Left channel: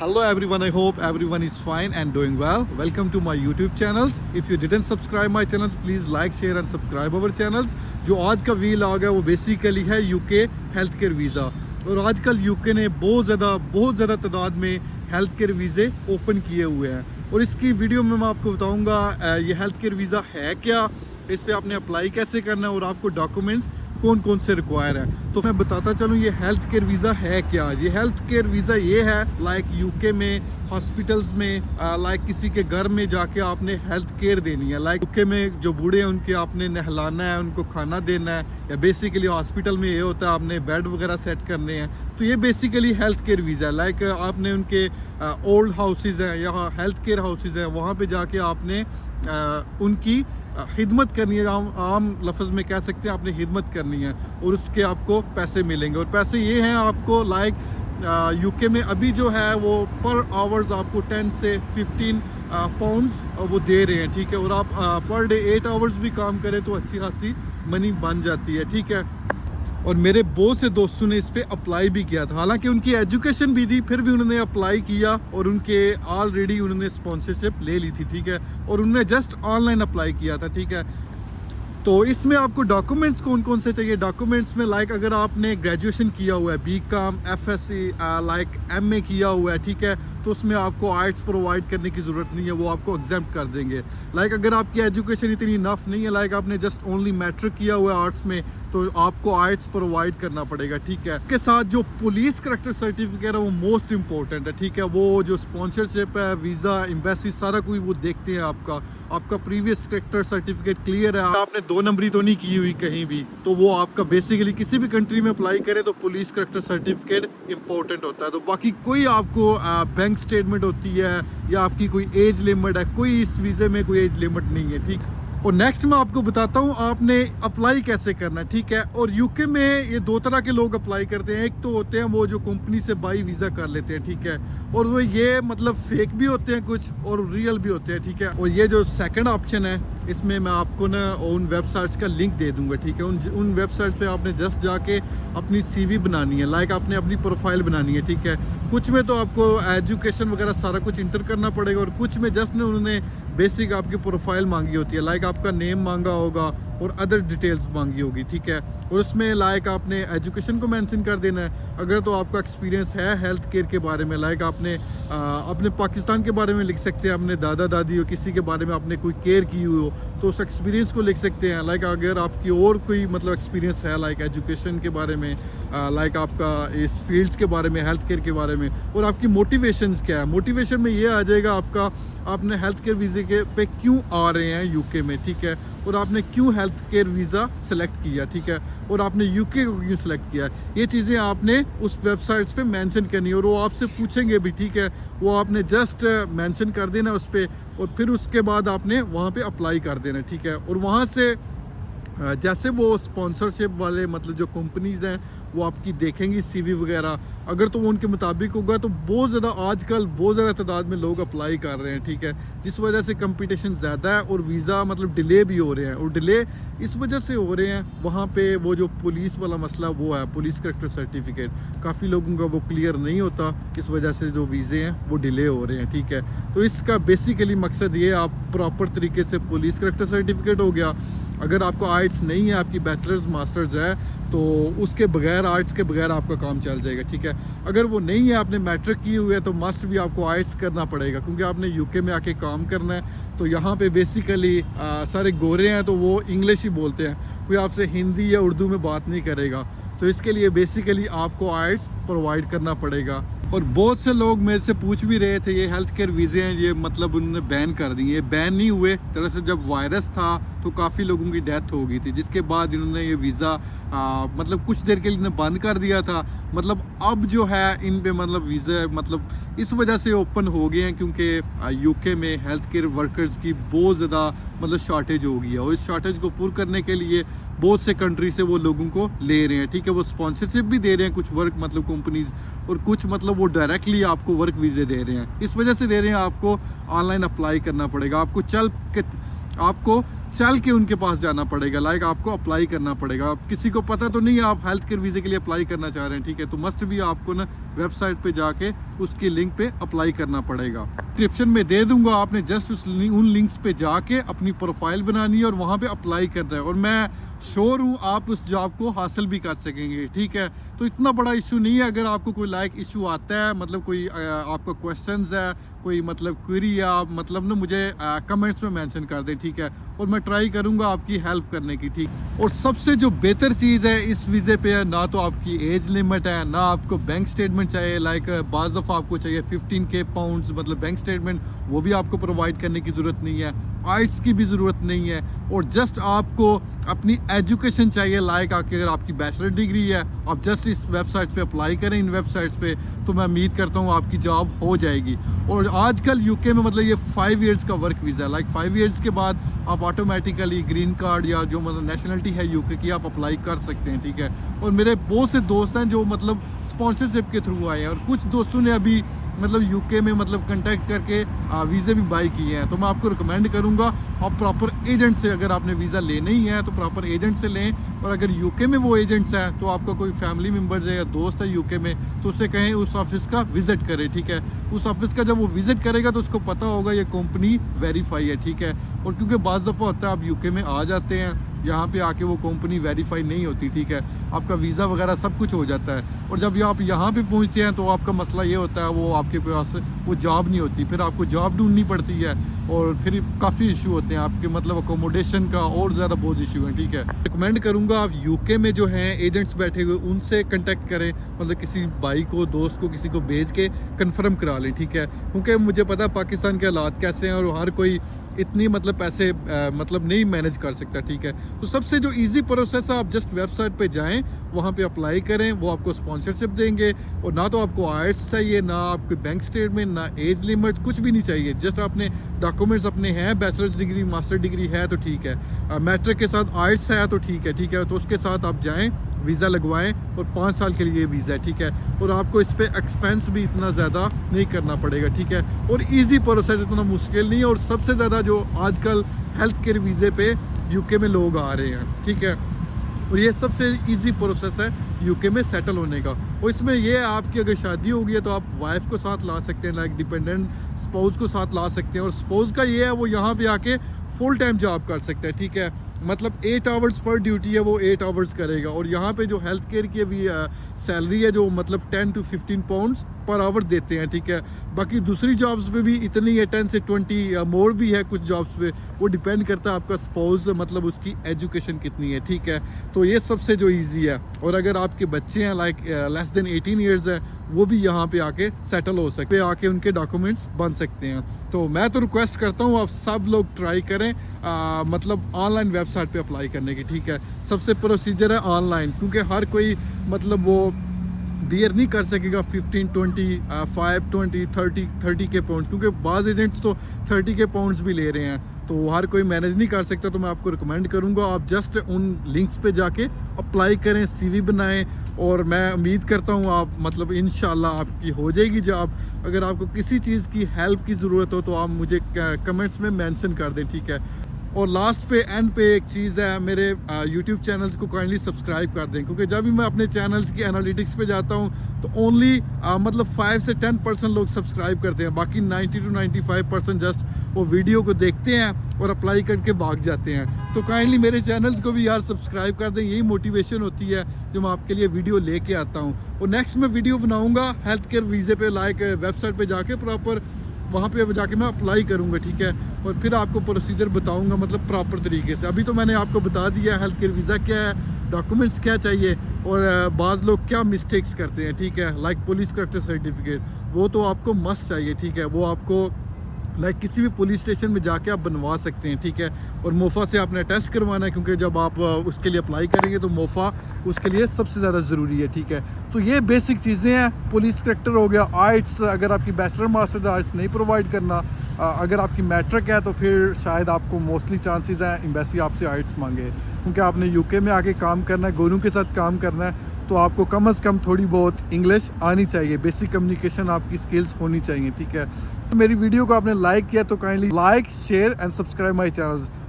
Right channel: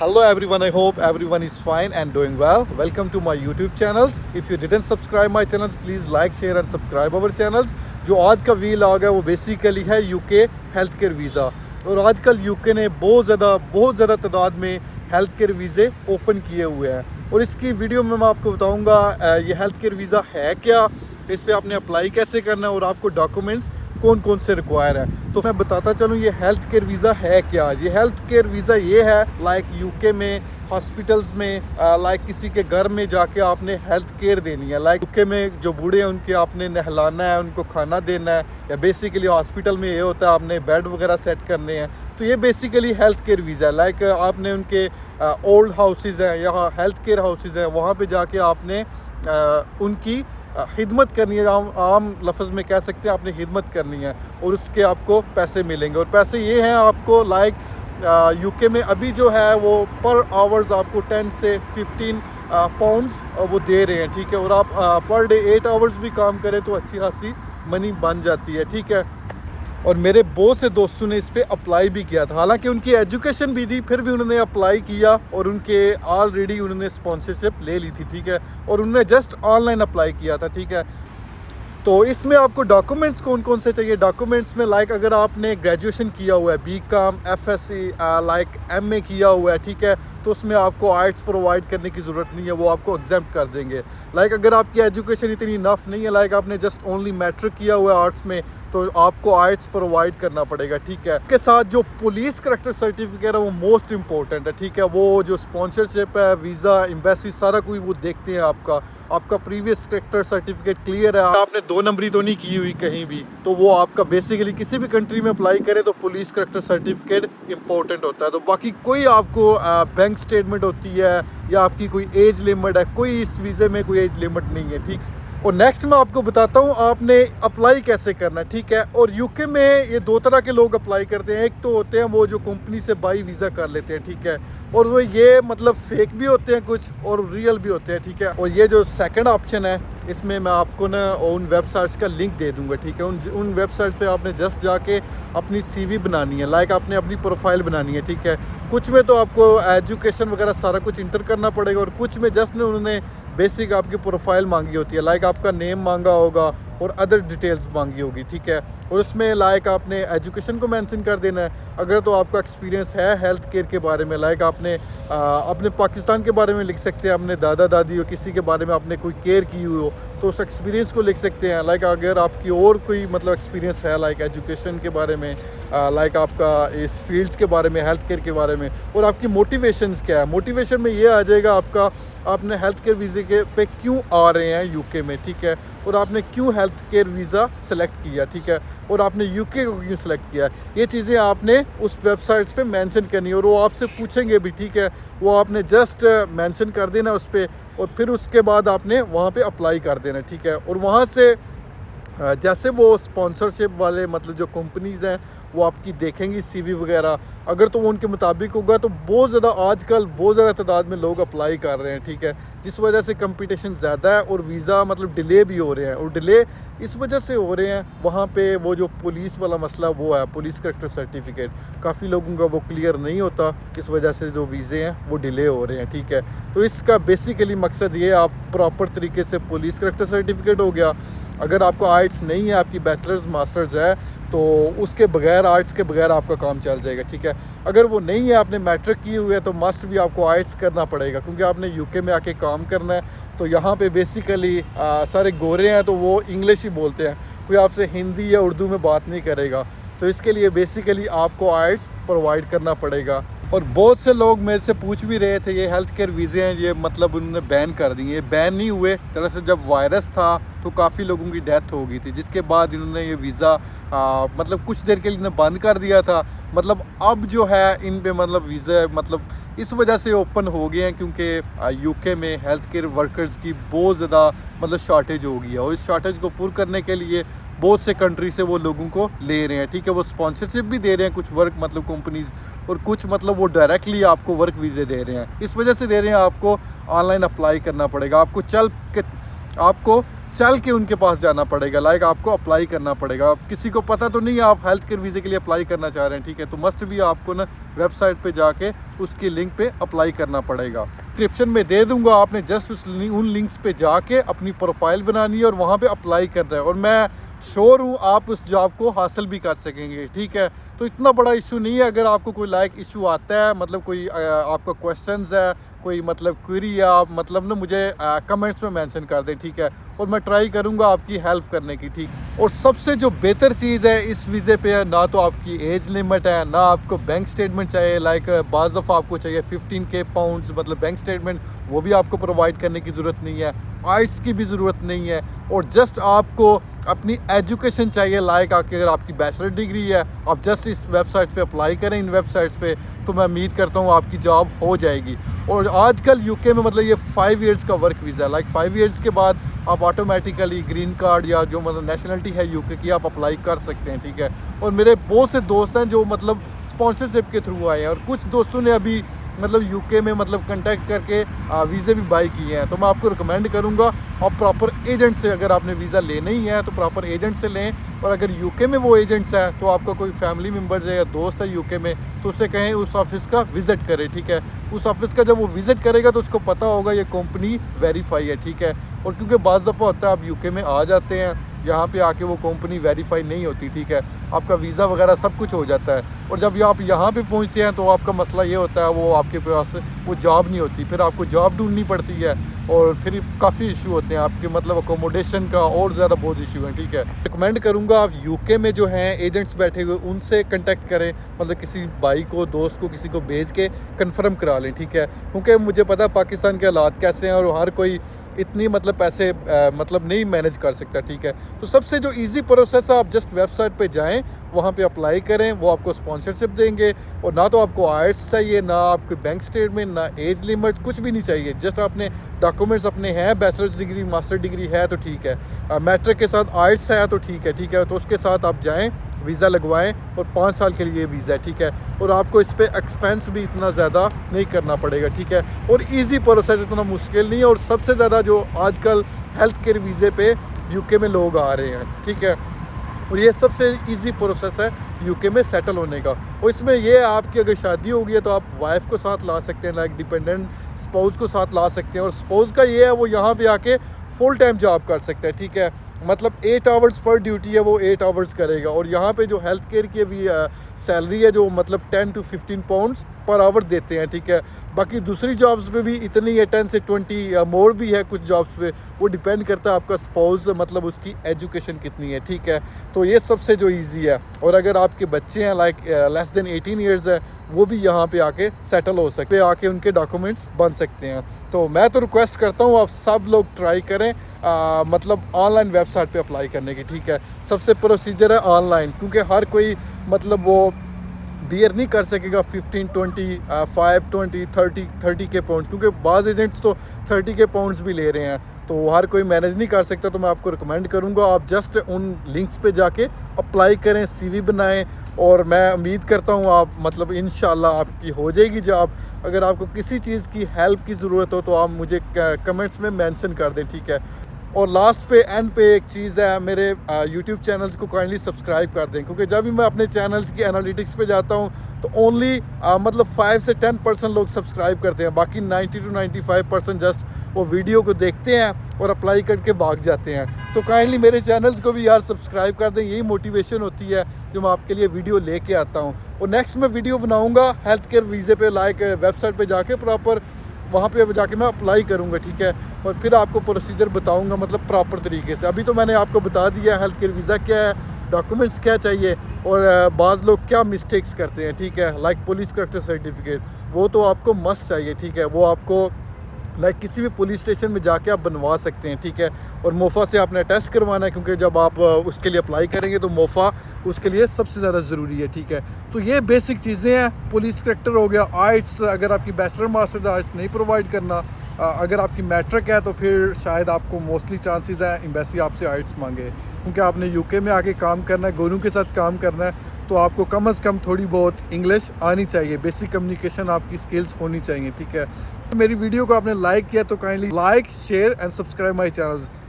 Hello everyone, I hope everyone is fine and doing well. Welcome to my YouTube channels. If you didn't subscribe my channels, please like, share and subscribe our channels. जो आज का vlog है वो basically है UK health care visa. और आजकल UK ने बहुत ज़्यादा तादाद में हेल्थ केयर वीज़े ओपन किए हुए हैं। और इसकी वीडियो में मैं आपको बताऊंगा ये हेल्थ केयर वीज़ा है क्या, इस पर आपने अप्लाई कैसे करना है और आपको डॉक्यूमेंट्स कौन कौन से रिक्वायर है। तो मैं बताता चलूँ ये हेल्थ केयर वीज़ा है क्या। ये हेल्थ केयर वीज़ा ये है लाइक यूके में हॉस्पिटल्स में लाइक किसी के घर में जाके आपने हेल्थ केयर देनी है। लाइक यूके में जो बूढ़े हैं उनके आपने नहलाना है, उनको खाना देना है, या बेसिकली हॉस्पिटल में ये होता है आपने बेड वगैरह सेट करने हैं। तो ये बेसिकली हेल्थ केयर वीज़ा है। लाइक आपने उनके ओल्ड हाउसेज हैं या हेल्थ केयर हाउसेज हैं, वहाँ पर जाके आपने उनकी खिदमत करनी है। आम लफ्ज़ में कह सकते हैं आपने खिदमत करनी है और उसके आपको पैसे मिलेंगे। और पैसे ये हैं आपको लाइक यूके में अभी जो है वो पर आवर्स आपको 10 से 15 पाउंड्स वो दे रहे हैं, ठीक है। और आप पर डे 8 आवर्स भी काम करें तो अच्छी खासी मनी बन जाती है, ठीक है। और मेरे बहुत से दोस्तों ने इस पर अप्लाई भी किया था, हालांकि उनकी एजुकेशन भी थी, फिर भी उन्होंने अप्लाई किया और उनके ऑलरेडी उन्होंने स्पॉन्सरशिप ले ली थी, ठीक है। और उन्होंने जस्ट ऑनलाइन अप्लाई किया था, ठीक है। तो इसमें आपको डॉक्यूमेंट्स कौन कौन से चाहिए। डॉक्यूमेंट्स में लाइक अगर आपने ग्रेजुएशन किया हुआ है, बीकॉम, एफएससी, लाइक एमए किया हुआ है, ठीक है, तो उसमें आपको आर्ट्स प्रोवाइड करने की ज़रूरत नहीं है, वो आपको एग्जाम्प्ट कर देंगे। लाइक अगर आपकी एजुकेशन इतनी इनफ नहीं है, लाइक आपने जस्ट ओनली मैट्रिक किया हुआ है आर्ट्स में, तो आपको आर्ट्स प्रोवाइड करना पड़ेगा, ठीक है। इसके साथ जो पुलिस करैक्टर सर्टिफिकेट है वो मोस्ट इंपॉर्टेंट है, ठीक है। वो जो स्पॉन्सरशिप है, वीज़ा, एम्बेसी, सारा कुछ वो देखते हैं आपका प्रीवियस करैक्टर सर्टिफिकेट क्लियर है, आपने 2 नंबरी तो नहीं की हुई कहीं भी, तो वो आपका बेसिकली किसी भी कंट्री में अप्लाई करें तो पुलिस करैक्टर सर्टिफिकेट इंपॉर्टेंट होता है। तो बाकी कोई आपको बैंक स्टेटमेंट होती है या आपकी कोई एज लिमिट है, कोई इस वीज़े में कोई एज लिमिट नहीं है, ठीक। और नेक्स्ट मैं आपको बताता हूँ आपने अप्लाई कैसे करना है, ठीक है। और यूके में ये 2 तरह के लोग अप्लाई करते हैं। एक तो होते हैं वो जो कंपनी से बाई वीज़ा कर लेते हैं, ठीक है, और वो ये मतलब फेक भी होते हैं कुछ और रियल भी होते हैं, ठीक है। और ये जो सेकंड ऑप्शन है इसमें मैं आपको ना उन वेबसाइट्स का लिंक दे दूंगा, ठीक है। उन वेबसाइट पे आपने जस्ट जाके अपनी सीवी बनानी है, लाइक आपने अपनी प्रोफाइल बनानी है, ठीक है। कुछ में तो आपको एजुकेशन वगैरह सारा कुछ इंटर करना पड़ेगा और कुछ में जस्ट ने उन्होंने बेसिक आपकी प्रोफाइल मांगी होती है, लाइक आपका नेम मांगा होगा और अदर डिटेल्स मांगी होगी, ठीक है। और उसमें लाइक आपने एजुकेशन को मेंशन कर देना है। अगर तो आपका एक्सपीरियंस है हेल्थ केयर के बारे में, लाइक आपने अपने पाकिस्तान के बारे में लिख सकते हैं, अपने दादा दादी हो किसी के बारे में आपने कोई केयर की हुई हो तो उस एक्सपीरियंस को लिख सकते हैं। लाइक अगर आपकी और कोई मतलब एक्सपीरियंस है लाइक एजुकेशन के बारे में, लाइक आपका इस फील्ड्स के बारे में, हेल्थ केयर के बारे में, और आपकी मोटिवेशंस क्या है। मोटिवेशन में ये आ जाएगा आपका आपने हेल्थ केयर वीज़े के पे क्यों आ रहे हैं यूके में, ठीक है, और आपने क्यों हेल्थ केयर वीज़ा सेलेक्ट किया, ठीक है, और आपने यूके को क्यों सेलेक्ट किया। ये चीज़ें आपने उस वेबसाइट्स पे मेंशन करनी है और वो आपसे पूछेंगे भी, ठीक है। वो आपने जस्ट मेंशन कर देना उस पर और फिर उसके बाद आपने वहाँ पे अप्लाई कर देना, ठीक है। और वहाँ से जैसे वो स्पॉन्सरशिप वाले मतलब जो कंपनीज़ हैं वो आपकी देखेंगी सीवी वगैरह, अगर तो वो उनके मुताबिक होगा तो बहुत ज़्यादा आजकल बहुत ज़्यादा तादाद में लोग अप्लाई कर रहे हैं, ठीक है। जिस वजह से कंपटीशन ज़्यादा है और वीज़ा मतलब डिले भी हो रहे हैं। और डिले इस वजह से हो रहे हैं वहाँ पे वो जो पुलिस वाला मसला वो है, पुलिस करैक्टर सर्टिफिकेट काफ़ी लोगों का वो क्लियर नहीं होता, इस वजह से जो वीज़े हैं वो डिले हो रहे हैं, ठीक है। तो इसका बेसिकली मकसद ये आप प्रॉपर तरीके से पुलिस करैक्टर सर्टिफिकेट हो गया। अगर आपको आर्ट्स नहीं है, आपकी बैचलर्स मास्टर्स है, तो उसके बगैर आर्ट्स के बगैर आपका काम चल जाएगा, ठीक है। अगर वो नहीं है, आपने मैट्रिक की हुई है, तो मस्ट भी आपको आर्ट्स करना पड़ेगा क्योंकि आपने यूके में आके काम करना है। तो यहाँ पे बेसिकली सारे गोरे हैं तो वो इंग्लिश ही बोलते हैं, कोई आपसे हिंदी या उर्दू में बात नहीं करेगा। तो इसके लिए बेसिकली आपको आर्ट्स प्रोवाइड करना पड़ेगा। और बहुत से लोग मेरे से पूछ भी रहे थे ये हेल्थ केयर वीज़े हैं ये मतलब उन्होंने बैन कर दिए। ये बैन नहीं हुए, दरअसल जब वायरस था तो काफ़ी लोगों की डेथ हो गई थी, जिसके बाद इन्होंने ये वीज़ा मतलब कुछ देर के लिए इन्होंने बंद कर दिया था। मतलब अब जो है इन पे मतलब वीज़ा मतलब इस वजह से ओपन हो गए हैं क्योंकि यूके में हेल्थ केयर वर्कर्स की बहुत ज़्यादा मतलब शॉर्टेज हो गई है। और इस शॉर्टेज को पूरा करने के लिए बहुत से कंट्री से वो लोगों को ले रहे हैं, ठीक है। वो स्पॉन्सरशिप भी दे रहे हैं कुछ वर्क मतलब कंपनीज, और कुछ मतलब वो डायरेक्टली आपको वर्क वीज़े दे रहे हैं। इस वजह से दे रहे हैं आपको ऑनलाइन अप्लाई करना पड़ेगा। आपको आपको चल के उनके पास जाना पड़ेगा, लाइक आपको अप्लाई करना पड़ेगा। अब किसी को पता तो नहीं है आप हेल्थ केयर वीज़े के लिए अप्लाई करना चाह रहे हैं, ठीक है, तो मस्ट भी आपको ना वेबसाइट पे जाके उसकी लिंक पे अप्लाई करना पड़ेगा। डिस्क्रिप्शन में दे दूंगा, आपने जस्ट उन लिंक्स पे जाके अपनी प्रोफाइल बनानी है और वहाँ पे अप्लाई करना है, और मैं श्योर हूँ आप उस जॉब को हासिल भी कर सकेंगे, ठीक है। तो इतना बड़ा इशू नहीं है। अगर आपको कोई लाइक इशू आता है, मतलब कोई आपका क्वेश्चंस है, कोई मतलब क्वेरी है, आप मतलब ना मुझे कमेंट्स में मेंशन कर दें, ठीक है, और मैं ट्राई करूँगा आपकी हेल्प करने की, ठीक। और सबसे जो बेहतर चीज़ है इस वीज़े पे, ना तो आपकी एज लिमिट है, ना आपको बैंक स्टेटमेंट चाहिए, लाइक बाज़ दफ़ा आपको चाहिए 15K पाउंड्स मतलब बैंक स्टेटमेंट, वो भी आपको प्रोवाइड करने की ज़रूरत नहीं है। आइट्स की भी ज़रूरत नहीं है, और जस्ट आपको अपनी एजुकेशन चाहिए, लाइक अगर आपकी बैचलर डिग्री है, आप जस्ट इस वेबसाइट पे अप्लाई करें, इन वेबसाइट्स पे, तो मैं उम्मीद करता हूँ आपकी जॉब हो जाएगी। और आजकल यूके में मतलब ये 5 इयर्स का वर्क वीज़ा है, लाइक 5 इयर्स के बाद आप ऑटोमेटिकली ग्रीन कार्ड या जो मतलब नेशनलिटी है यूके की, आप अप्लाई कर सकते हैं, ठीक है। और मेरे बहुत से दोस्त हैं जो मतलब स्पॉन्सरशिप के थ्रू आए हैं, और कुछ दोस्तों ने अभी मतलब यूके में मतलब कांटेक्ट करके वीज़े भी बाई किए हैं। तो मैं आपको रिकमेंड करूंगा आप प्रॉपर एजेंट से, अगर आपने वीज़ा लेना ही है तो प्रॉपर एजेंट से लें। और अगर यूके में वो एजेंट्स हैं तो आपका कोई फैमिली मेम्बर्स है या दोस्त है यूके में, तो उससे कहें उस ऑफिस का विज़िट करे, ठीक है। उस ऑफिस का जब वो विज़िट करेगा तो उसको पता होगा ये कंपनी वेरीफाई है, ठीक है। और क्योंकि बाज़ दफ़ा होता है आप यूके में आ जाते हैं, यहाँ पे आके वो कंपनी वेरीफाई नहीं होती, ठीक है, आपका वीज़ा वगैरह सब कुछ हो जाता है, और जब आप यहाँ पे पहुँचते हैं तो आपका मसला ये होता है वो आपके पास वो जॉब नहीं होती, फिर आपको जॉब ढूंढनी पड़ती है, और फिर काफ़ी इशू होते हैं आपके मतलब अकोमोडेशन का, और ज़्यादा बहुत इशू है, ठीक है। रिकमेंड करूँगा आप यूके में जो हैं एजेंट्स बैठे हुए उनसे कंटेक्ट करें, मतलब किसी भाई को, दोस्त को, किसी को भेज के कंफर्म करा लें, ठीक है, क्योंकि मुझे पता है पाकिस्तान के हालात कैसे हैं, और हर कोई इतनी मतलब पैसे मतलब नहीं मैनेज कर सकता, ठीक है। तो सबसे जो इजी प्रोसेस है, आप जस्ट वेबसाइट पे जाएं, वहाँ पे अप्लाई करें, वो आपको स्पॉन्सरशिप देंगे, और ना तो आपको आइट्स चाहिए, ना आपके बैंक स्टेटमेंट, ना एज लिमिट, कुछ भी नहीं चाहिए। जस्ट आपने डॉक्यूमेंट्स अपने हैं, बैचलर्स डिग्री, मास्टर डिग्री है तो ठीक है, मैट्रिक के साथ आइट्स है तो ठीक है, ठीक है, तो उसके साथ आप जाएँ, वीज़ा लगवाएं, और 5 साल के लिए वीज़ा है, ठीक है। और आपको इस पर एक्सपेंस भी इतना ज़्यादा नहीं करना पड़ेगा, ठीक है, और इजी प्रोसेस, इतना मुश्किल नहीं है। और सबसे ज़्यादा जो आजकल हेल्थ केयर वीज़े पे यूके में लोग आ रहे हैं, ठीक है, और ये सबसे इजी प्रोसेस है यूके में सेटल होने का। और इसमें ये है आपकी अगर शादी होगी है तो आप वाइफ को साथ ला सकते हैं, लाइक डिपेंडेंट स्पाउस को साथ ला सकते हैं, और स्पाउस का ये है वो यहाँ पे आके फुल टाइम जॉब कर सकते हैं, ठीक है, मतलब 8 आवर्स पर ड्यूटी है, वो 8 आवर्स करेगा। और यहाँ पे जो हेल्थ केयर की अभी सैलरी है जो मतलब 10 to 15 पाउंड्स पर आवर देते हैं, ठीक है। बाकी दूसरी जॉब्स पे भी इतनी है, 10 से 20 या मोर भी है कुछ जॉब्स पे, वो डिपेंड करता है आपका स्पाउस मतलब उसकी एजुकेशन कितनी है, ठीक है। तो ये सबसे जो ईजी है। और अगर आपके बच्चे हैं लाइक लेस देन 18 ईयर्स है, वो भी यहाँ पे आके सेटल हो सकते हैं, आके उनके डॉक्यूमेंट्स बन सकते हैं। तो मैं तो रिक्वेस्ट करता हूँ आप सब लोग ट्राई करें मतलब ऑनलाइन वेबसाइट पे अप्लाई करने की, ठीक है। सबसे प्रोसीजर है ऑनलाइन, क्योंकि हर कोई मतलब वो बियर नहीं कर सकेगा 15, 20, 5, 20, 30 के पाउंड्स, क्योंकि बाज़ एजेंट्स तो 30 के पाउंड्स भी ले रहे हैं, तो हर कोई मैनेज नहीं कर सकता। तो मैं आपको रिकमेंड करूंगा आप जस्ट उन लिंक्स पे जाके अप्लाई करें, सीवी बनाएं, और मैं उम्मीद करता हूं आप मतलब इंशाल्लाह आपकी हो जाएगी जॉब। अगर आपको किसी चीज़ की हेल्प की ज़रूरत हो तो आप मुझे कमेंट्स में मेंशन कर दें, ठीक है। और लास्ट पे एंड पे एक चीज़ है, मेरे यूट्यूब चैनल्स को काइंडली सब्सक्राइब कर दें, क्योंकि जब भी मैं अपने चैनल्स की एनालिटिक्स पे जाता हूँ तो ओनली मतलब 5 से 10% लोग सब्सक्राइब करते हैं, बाकी 90 to 95% जस्ट वो वीडियो को देखते हैं और अप्लाई करके भाग जाते हैं। तो काइंडली मेरे चैनल्स को भी यार सब्सक्राइब कर दें, यही मोटिवेशन होती है जो मैं आपके लिए वीडियो लेके आता हूँ। और नेक्स्ट मैं वीडियो बनाऊँगा हेल्थ केयर वीज़े पे, लाइक वेबसाइट पे जाके प्रॉपर वहाँ पे जाके मैं अप्लाई करूँगा, ठीक है, और फिर आपको प्रोसीजर बताऊँगा मतलब प्रॉपर तरीके से। अभी तो मैंने आपको बता दिया हेल्थ केयर वीज़ा क्या है, डॉक्यूमेंट्स क्या चाहिए, और बाज़ लोग क्या मिस्टेक्स करते हैं, ठीक है, लाइक पुलिस करेक्टर सर्टिफिकेट, वो तो आपको मस्ट चाहिए, ठीक है, वो आपको लाइक किसी भी पुलिस स्टेशन में जाके आप बनवा सकते हैं, ठीक है। और मोफ़ा से आपने टेस्ट करवाना है, क्योंकि जब आप उसके लिए अप्लाई करेंगे तो मोफ़ा उसके लिए सबसे ज़्यादा ज़रूरी है, ठीक है। तो ये बेसिक चीज़ें हैं, पुलिस करेक्टर हो गया, आइट्स, अगर आपकी बैचलर मास्टर्स आइट्स नहीं प्रोवाइड करना, अगर आपकी मैट्रिक है तो फिर शायद आपको मोस्टली चांसेस हैं एम्बेसी आपसे आइट्स मांगे, क्योंकि आपने यूके में आके काम करना है, गोरों के साथ काम करना है, तो आपको कम से कम थोड़ी बहुत इंग्लिश आनी चाहिए, बेसिक कम्युनिकेशन आपकी स्किल्स होनी चाहिए, ठीक है। तो मेरी वीडियो को आपने लाइक किया तो kindly like, share and subscribe my channel.